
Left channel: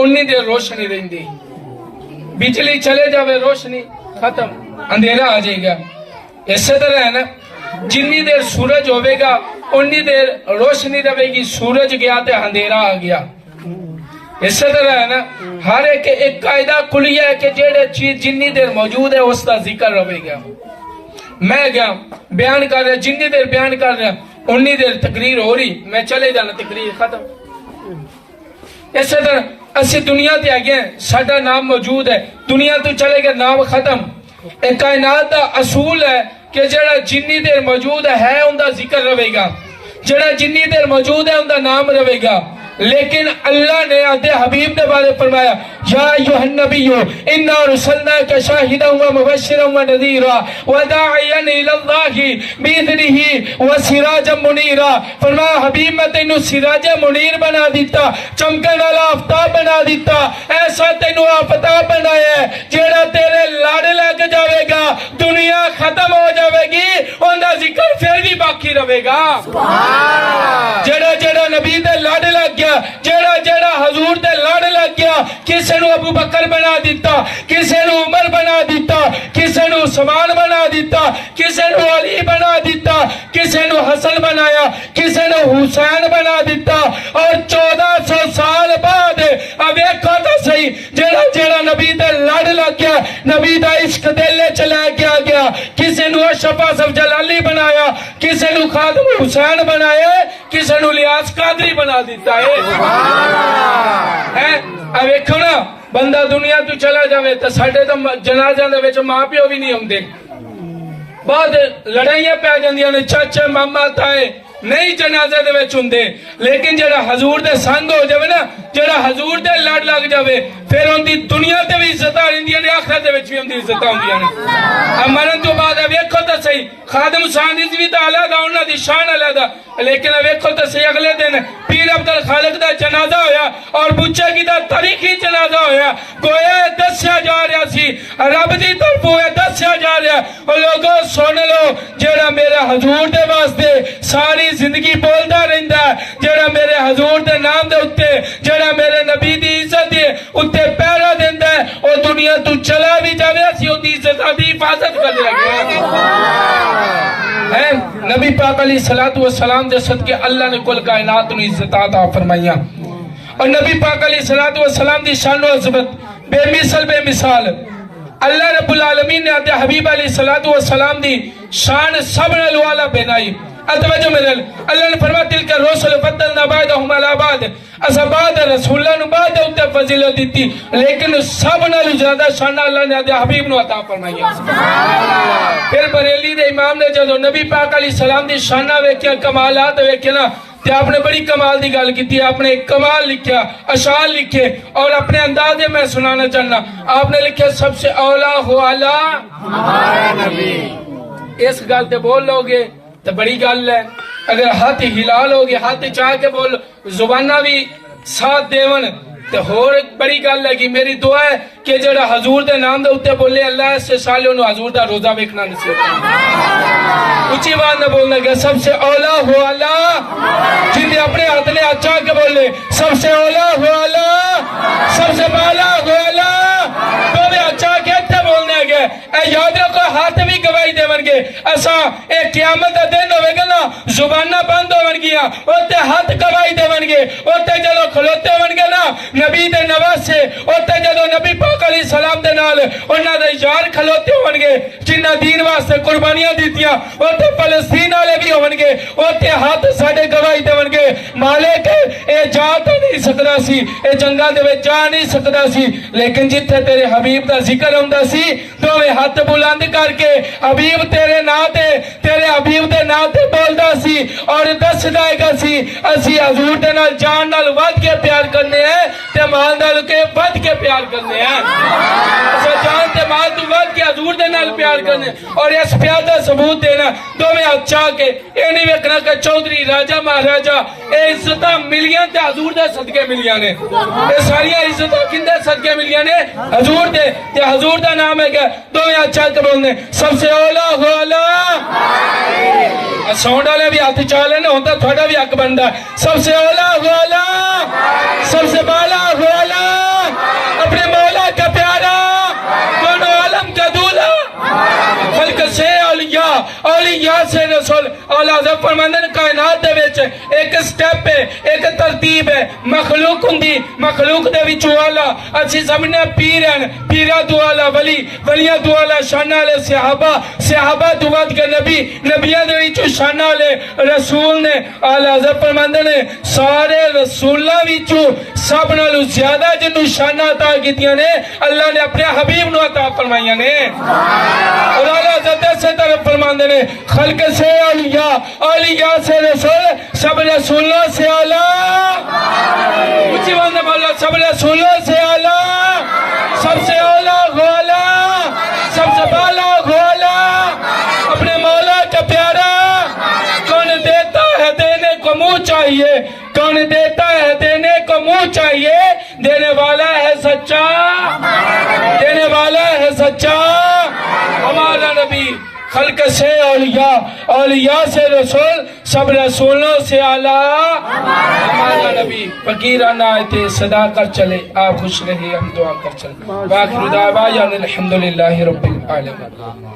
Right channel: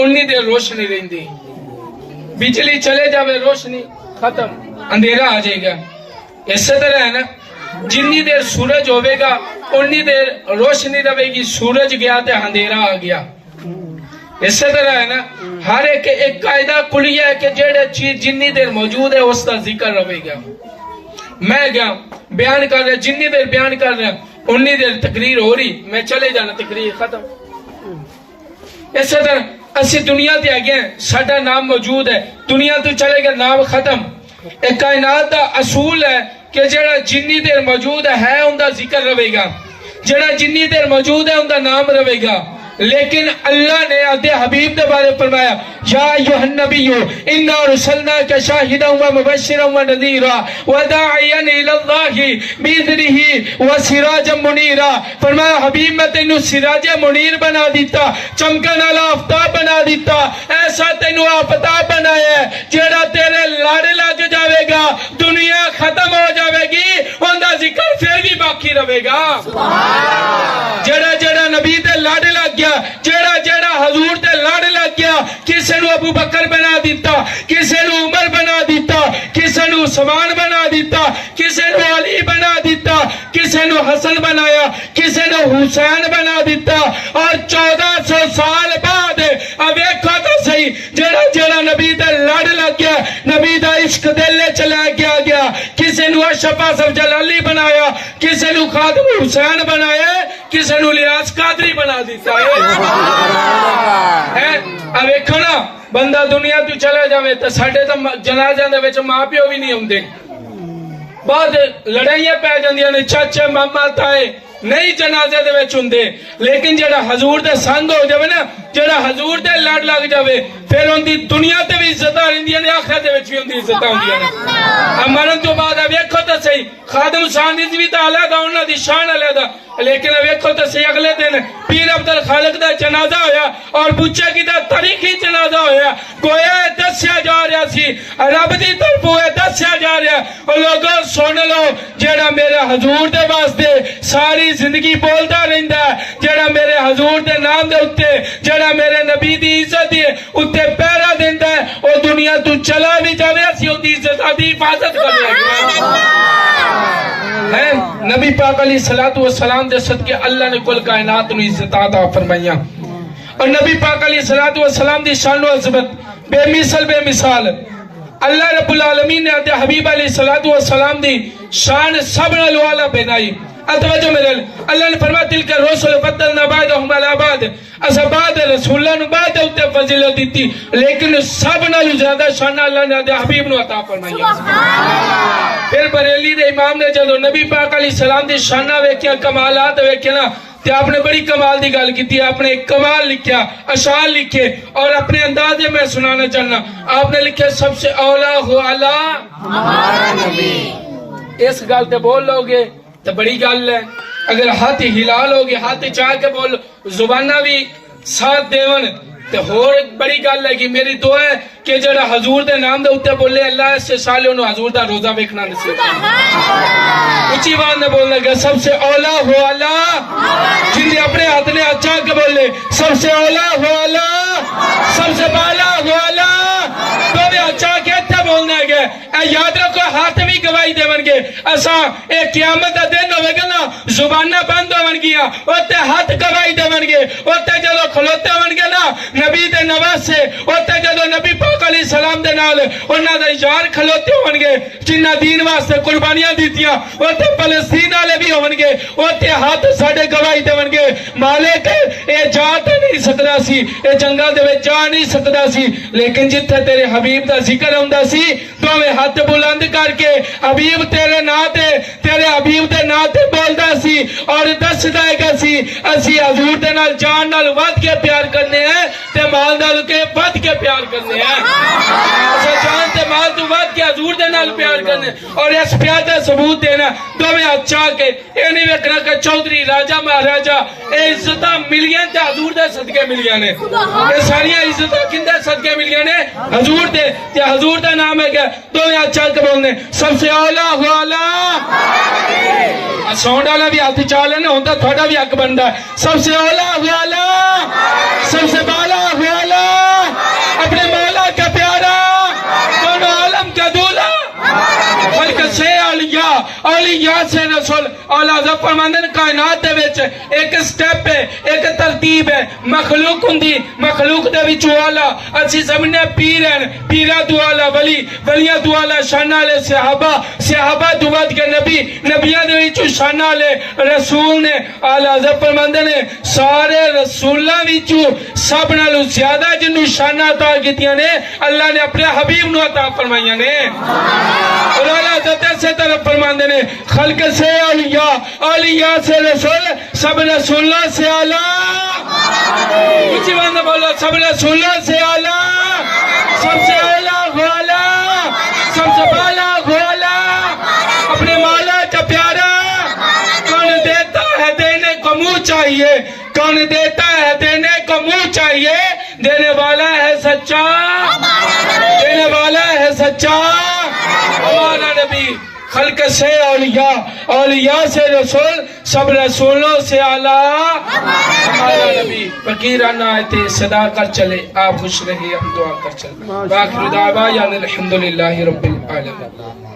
انی دیر روشنی رہندی. بجلی چلے جاوے روشنی ختم, اندھیرا آ جائے گا. اسی طرح ہے نا جنی دیر سورج ہوئے گا انی دیر روشنی رہے گی, سورج گیا تے اندھیرا آ گیا. اسی طرح ہے نا ہر ایک قاعدہ کلیہ ہے کہ جیڑے چیز جنی دیر موجود ہے اس کا ذکر رہے گا. میں گیا بیان کر رہا, جنی دیر بیان کر رہا انی دیر تقریر ہو رہی, میں چلے جانا تقریر ختم. اسی طرح اسی دنیا تے آگئے ہیں, ساڈا نام موجود ہے, دنیا تو چلے گا نام ختم. ایک کائنات دا اصول ہے کہ جڑا جنی دیر موجود ہے ان دا ذکر رہے گا, جڑا جنی دیر موجود ہے ان دا نام رہے گا. لیکن اللہ نے آدھے حبیب کے بارے فرمایا یا ایھا النبی انا ارسلناک شاہدا و مبشرا و نذیرا وداعیا الی اللہ باذنہ وسراجا منیرا. فرمایا حبیب میں تینوں سراج منیر بنا دیتا, چمکن والا آفتاب بنا دیتا, ایسا تینوں آفتاب بنایا ہے جڑا تیرے لڑ لگ جاوے گا, دنیا ختم ہو جاوے گی, ان دا ذکر پھر بھی باقی رہے گا. جڑا جڑا نبی دے لڑ لگ گیا, جڑا جڑا حضور دے لڑ لگ گیا, کسے نو ابو بکر بنا دیتا, کسے نو عمر بنا دیتا, کسے نو عثمان بنا دیتا, کسے نو علی بنا دیتا, کسے نو حسن بنایا, کسے نو حسین بنا دیتا. اور 1400 سال بعد اب ویکھو تو صحیح, جڑا جڑا نبی دے لڑ لگ گیا, نبی دا عشق دل چ لے کے آ گیا, کسے نو اشرف اصف جلالی بنایا, کسے نو خادم حسین بنایا, کسے نو لیاس قادری بنا دیتا ہے. اب ویکھو نا, بندہ دنیا تو چلا جاوے تو ساڈے تو جنازیاں دے وچ ماں پیو بھی نہیں ہوندے, بہت لڑائیاں پی جاندیاں نے, چاچے ماما تائے نہیں جنازے دے وچ ہوندے. لیکن جڑا حضور دے سنگ ہو جاوے نا, جڑا حضور دے لڑ لگ جاوے, پھر ان دی دنیا تے بھی عزت ہوندیاں نے, آخرت دے وچ بھی ان دی عزت ہوندیاں نے. مرن تو بعد ویکھو تو صحیح, خادم ثانی بھی تو علیحدہ, انہاں دی شان علیحدہ, لیکن ویکھو تو صحیح اگلے دن پیر عبد الخالق دا جنازہ ہویا اور بچے کی دا تاریخی جنازہ ہویا. گویا دسیا جا رہا سی, رب دی طرفوں دسیا جا رہا, اور لوگوں سن لو, جڑا میرے حضور دے واسطے ساری زندگی بولدا رہندا ہے, جڑا میرے حضور دے نام دے اوتے, جڑا میرے نبی دی عزت دے اوتے پہرا دیندا ہے, او دنیا تو چلا بھی جاوے, اسی او دی عزت دی حفاظت کر گیا ہے. نبی پاک علیہ الصلوۃ والسلام دے صدقے اللہ نے کل کائنات نو عزت عطا فرمائیاں, اور نبی پاک علیہ الصلوۃ والسلام دی شان و عظمت بے مثل بے مثال. اللہ رب العالمین نے اپنے حبیب علیہ الصلوۃ والسلام دی شان سب نالوں اعلیٰ بنائی. توجہ میرے, اللہ نے فرمایا تلک الرسل فضلنا بعضهم علی بعض, اسا بعد رسولاں نو بعد اوتے فضیلت دیتی, لیکن سب نالوں زیادہ شان اللہ نے اپنے حبیب نو عطا فرمائی. پھر بریلی دے امام نے جدو نبی پاک علیہ السلام دی شانہ ویکھیا, کمالات ویکھے نا, تے آپ نے بڑی کمال دی گل کی, آپ نے ایک کمال لکھیا, اشعار لکھے, اور اپنے انداز میں سنانا چاہنا. آپ نے لکھے سب سے اولا ہو اعلیٰ ہمارا نبی. اس گل تے بول لو گے تو بڑی گل ہے, اگر ہاتھ ہلا لو گے, ہاتھ چاہ کے بول, زبانہ بھی ساتھ دیون, تو ہور بڑی گل ہے. کہ میری دعا ہے کہ جڑا حضور دے نام دے اوتے بولے, اللہ اس سے سالوں نو حضور دا روزہ ویکھنا نصیب کرے. اونچی آواز نہ بولنا گا, سب سے اولا ہو اللہ, جن اپنے ہاتھ نے اچھا کے بولے, سب سے اولا ہو اللہ, سب سے بالا ہو اللہ, تو بھی اچھا کے بولنا گے. یاد رکھو, ہاتھ بھی گواہی دے گے, ایسا ایک قیامت کا دن ہوئے گا نا, زبانہ بند ہو گیا, اوتے ہاتھ گواہی دے گے, اوتے جدو کھلوتے ہو گے نا نبی دے نواز سے, اوتے جدو نبی پاک علیہ السلام دے نال انہاں دے یار کھلوتے ہو گے, جنہ دین واسطے قربانیاں دیتیاں, اوتے فلسطین والے بھی ہو گے, اوتے ہاتھ ساڈے گواہی دے گے, مالک اے جا تے نہیں سکدا سی, اے جنگاں دے وچ جا نہیں سکدا سی, لیکن جتھے تیرے حبیب دا ذکر ہوندا سی, دوویں ہاتھ بلند کر کے حبیب تیرے نا تے, تیرے حبیب دے نا تے بولدا سی, اور دسدا ہے سی اسی حضور دے نال جان نال ود کے پیار کرنے ہیں, تے مال نال کے ود کے پیار کرنے ہیں. اچھا, جان تے مال تو ود کے حضور دے نال پیار کرنے, اور اس پیار دا ثبوت دینا دوویں اچھا کے. اے نہیں ویکھنا کہ چودھری راجا مہاراجا, اے عزتاں ملیاں تے حضور دے صدقے ملیاں نے. اے ساری عزتاں کندے صدقے ملیاں نے, حضور دے, تے حضور دا نام ہے کہ دوویں اچھا کے بولنے, سب سے اولا ہو اللہ. سونڈ والا بھی ہاتھ چال ہے نا, ہوتا تھوڑا بھی حق بنتا ہے, سب سے اولا ہو اللہ, سب سے بالا ہو اللہ, اپنے مولا کا پیارا, دونوں عالم کا دولہا, خلق سے اولیاء, اولیاء سے رسول. اعلیٰ حضرت فرماندے نے کائنات دے وچ ایک سٹیپ ہے, ایک ترتیب ہے, مخلوق ہوندی, مخلوق دے وچ اعلیٰ, اسی سمجھنے پیر ہیں, پیرا تو اعلیٰ ولی, ولیاں تو اعلیٰ شان والے صحابہ, صحابہ تو ود کے نبی, نبیاں دے وچ شان والے رسول نے. اعلیٰ حضرت فرماندے نے سارے رسولاں وچ سب نالوں زیادہ جنوں شان عطا کیتیاں نے اللہ نے اپنے حبیب نو عطا فرمائیاں نے. اور اعلیٰ حضرت سے طرف فرماندے نے خلق سے اولیاء، اولیاء سے رسول، سب رسولوں سے اعلیٰ، اونچی آواز میں بولو، سب رسولوں سے اعلیٰ، سب سے اعلیٰ غولا، سب سے بالا غولا، اپنے مولا کا پیارا، کون دیتا ہے دینے کو منہ چاہیے، کون دیتا ہے دینے کو منہ چاہیے، دینے والا ہے سچا، دینے والا ہے سچا ہمارا نبی، خلق سے اولیاء، اولیاء سے رسول، سب رسولوں سے اعلیٰ ہمارا نبی۔ فقیرانہ آیتیں صدا کر چلے، آپ خوش رہے، ہم دعا کر چلے۔ وآخر دعوانا الحمدللہ رب العالمین۔